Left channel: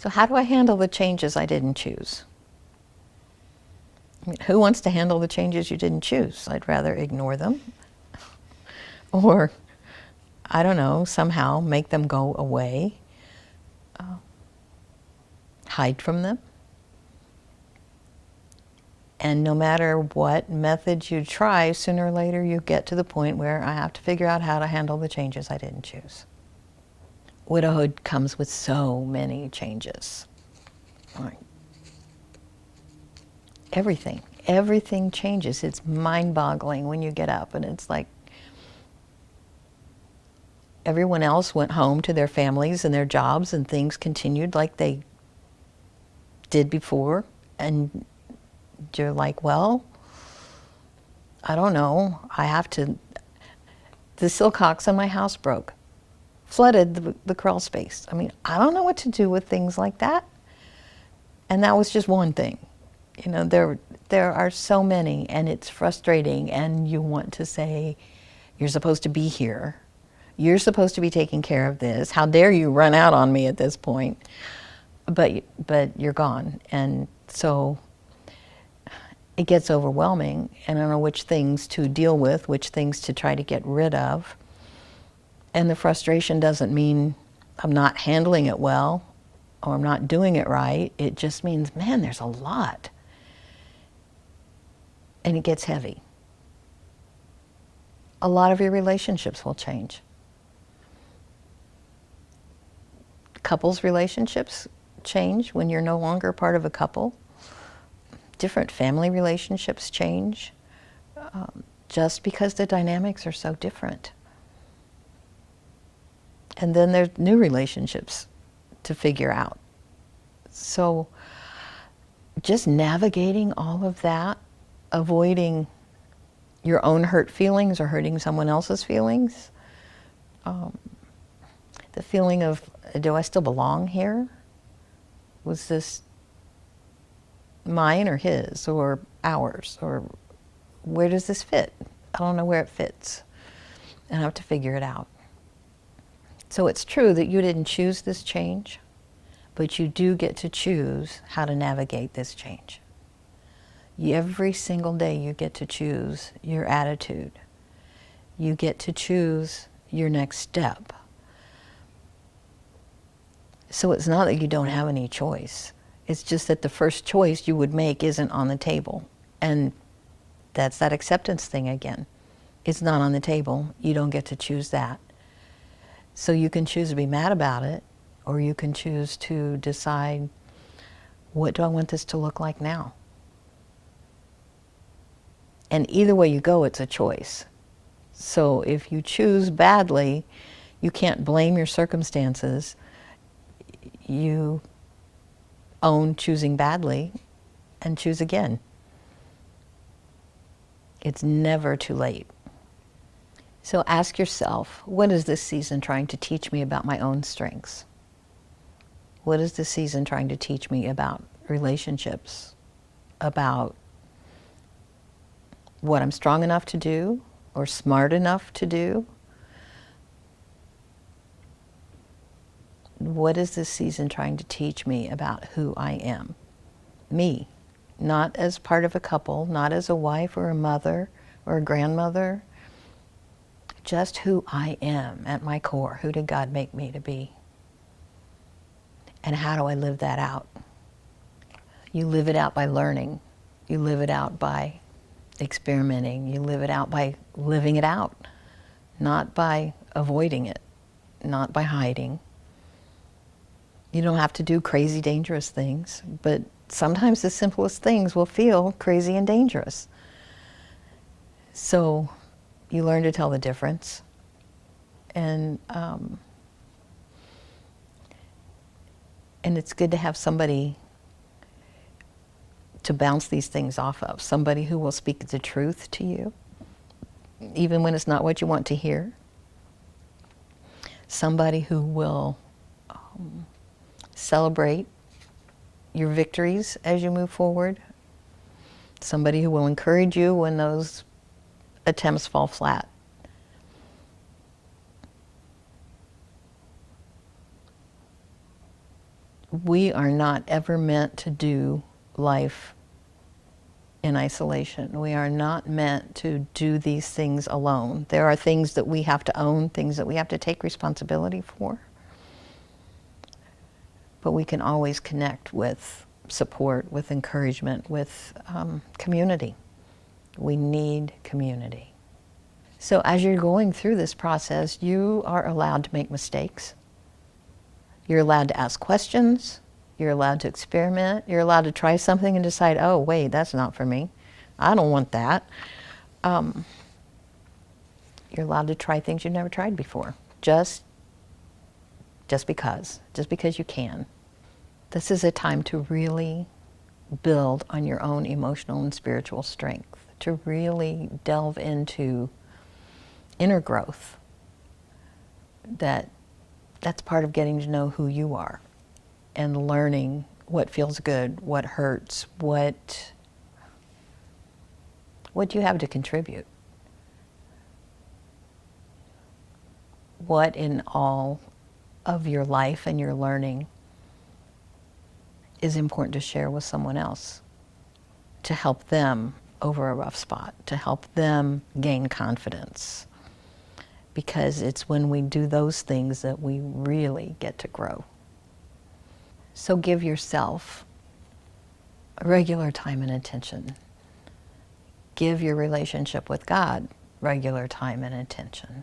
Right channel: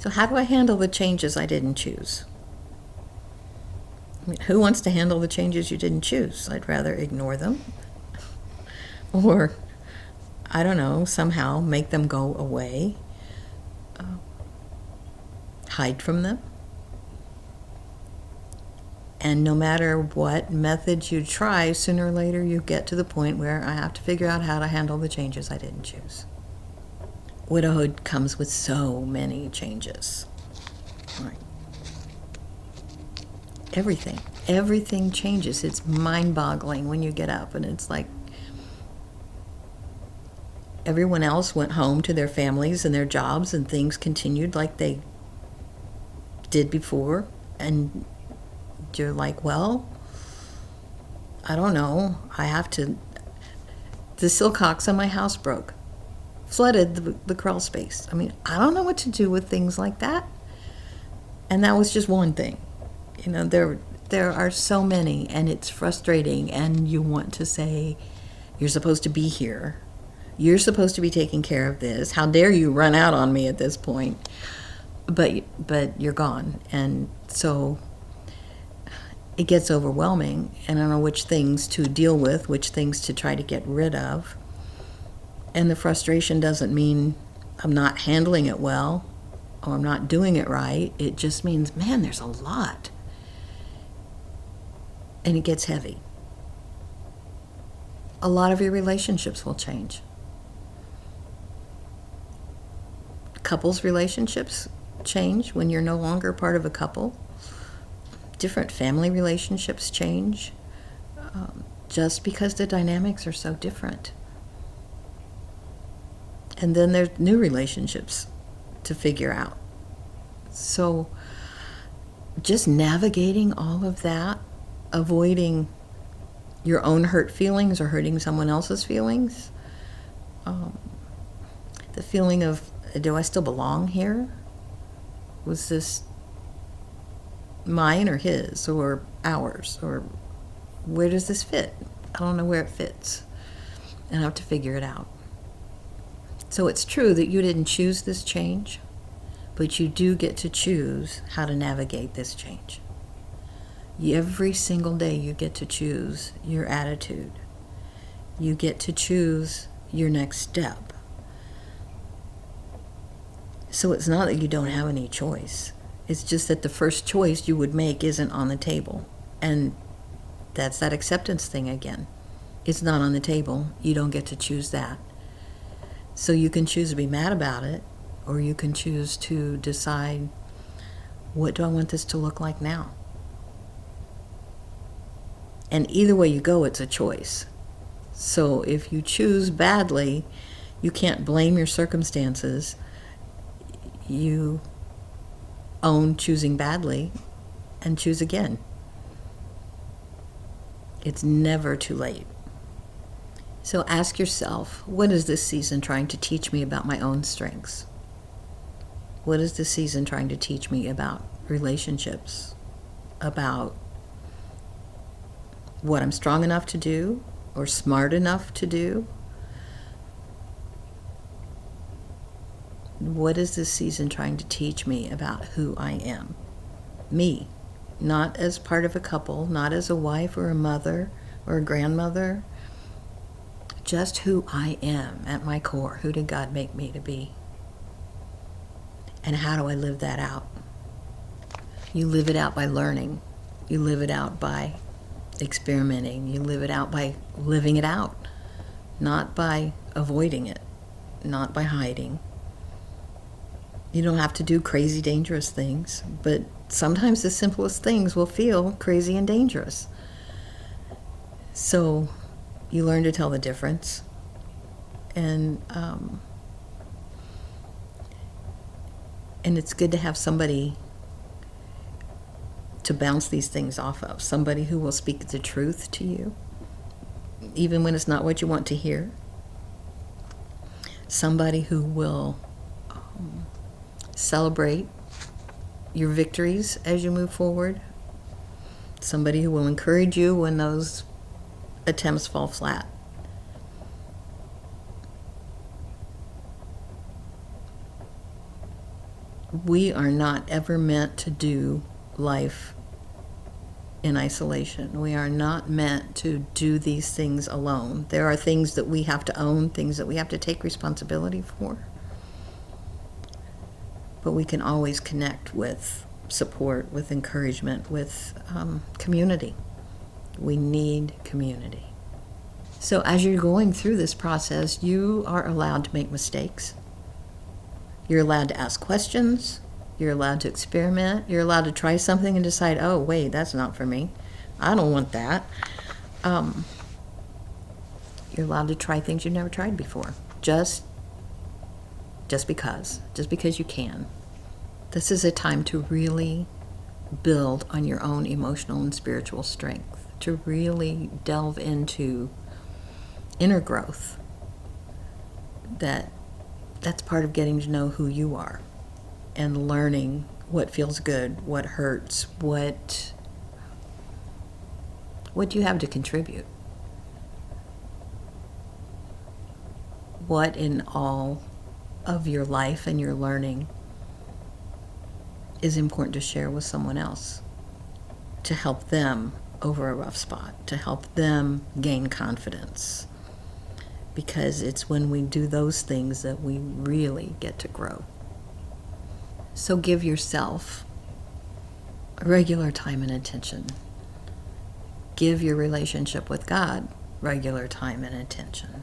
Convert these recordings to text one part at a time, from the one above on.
So how do I handle the changes I didn't choose? I mean, who wants to handle the changes you didn't choose? I'd rather ignore them or, I don't know, somehow make them go away, hide from them. And no matter what methods you try, sooner or later you get to the point where I have to figure out how to handle the changes I didn't choose. Widowhood comes with so many changes. Like, everything changes. It's mind-boggling when you get up and it's like everyone else went home to their families and their jobs and things continued like they did before, and you're like, well, I don't know, the silcox in my house broke, flooded the crawl space. I mean, I don't know what to do with things like that. And that was just one thing. You know, there are so many, and it's frustrating, and you want to say, you're supposed to be here. You're supposed to be taking care of this. How dare you run out on me at this point? But you're gone. And so it gets overwhelming, and I don't know which things to deal with, which things to try to get rid of. And the frustration doesn't mean I'm not handling it well or I'm not doing it right. It just means, man, there's a lot. And it gets heavy. A lot of your relationships will change. Couples' relationships change when you're no longer part of a couple. Different family relationships change just because the dynamics are so different. And then there's new relationships to figure out. So just navigating all of that, avoiding your own hurt feelings or hurting someone else's feelings, the feeling of, do I still belong here? Was this mine or his or ours, or where does this fit? I don't know where it fits, and I have to figure it out. So it's true that you didn't choose this change, but you do get to choose how to navigate this change. Every single day you get to choose your attitude. You get to choose your next step. So it's not that you don't have any choice. It's just that the first choice you would make isn't on the table. And that's that acceptance thing again. It's not on the table. You don't get to choose that. So you can choose to be mad about it, or you can choose to decide, what do I want this to look like now? And either way you go, it's a choice. So if you choose badly, you can't blame your circumstances. You own choosing badly and choose again. It's never too late. So ask yourself, what is this season trying to teach me about my own strengths? What is this season trying to teach me about relationships, about what I'm strong enough to do or smart enough to do? What is this season trying to teach me about who I am? Me, not as part of a couple, not as a wife or a mother or a grandmother, just who I am at my core. Who did God make me to be? And how do I live that out? You live it out by learning. You live it out by experimenting. You live it out by living it out, not by avoiding it, not by hiding. You don't have to do crazy, dangerous things, but sometimes the simplest things will feel crazy and dangerous. So you learn to tell the difference. And it's good to have somebody to bounce these things off of, somebody who will speak the truth to you, even when it's not what you want to hear, somebody who will celebrate your victories as you move forward, somebody who will encourage you when those attempts fall flat. We are not ever meant to do life in isolation. We are not meant to do these things alone. There are things that we have to own, things that we have to take responsibility for. But we can always connect with support, with encouragement, with community. We need community. So as you're going through this process, you are allowed to make mistakes. You're allowed to ask questions. You're allowed to experiment. You're allowed to try something and decide, oh, wait, that's not for me. I don't want that. You're allowed to try things you've never tried before. Just because you can. This is a time to really build on your own emotional and spiritual strength, to really delve into inner growth. That's part of getting to know who you are and learning what feels good, what hurts, what you have to contribute. What in all of your life and your learning is important to share with someone else, to help them over a rough spot, to help them gain confidence. Because it's when we do those things that we really get to grow. So give yourself a regular time and attention. Give your relationship with God regular time and attention.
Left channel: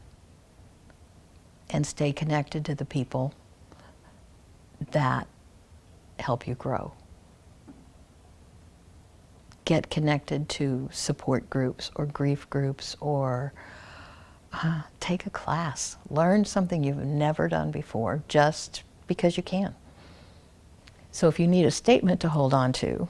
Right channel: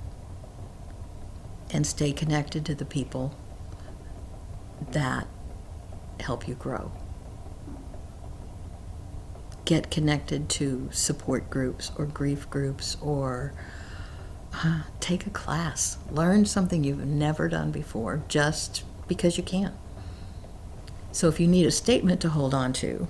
And stay connected to the people that help you grow. Get connected to support groups or grief groups, or take a class. Learn something you've never done before just because you can. So if you need a statement to hold on to,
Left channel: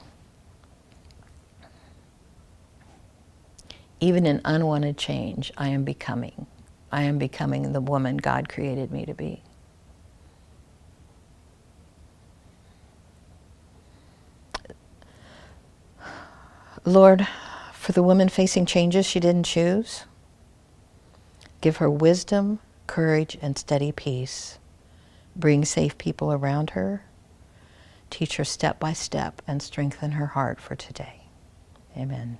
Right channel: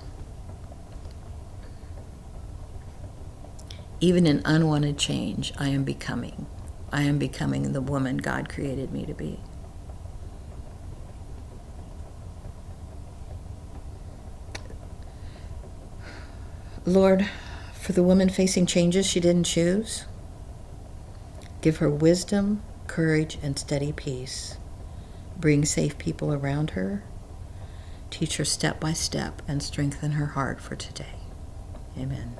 even in unwanted change, I am becoming the woman God created me to be. Lord, for the woman facing changes she didn't choose, give her wisdom, courage, and steady peace. Bring safe people around her. Teach her step by step and strengthen her heart for today. Amen.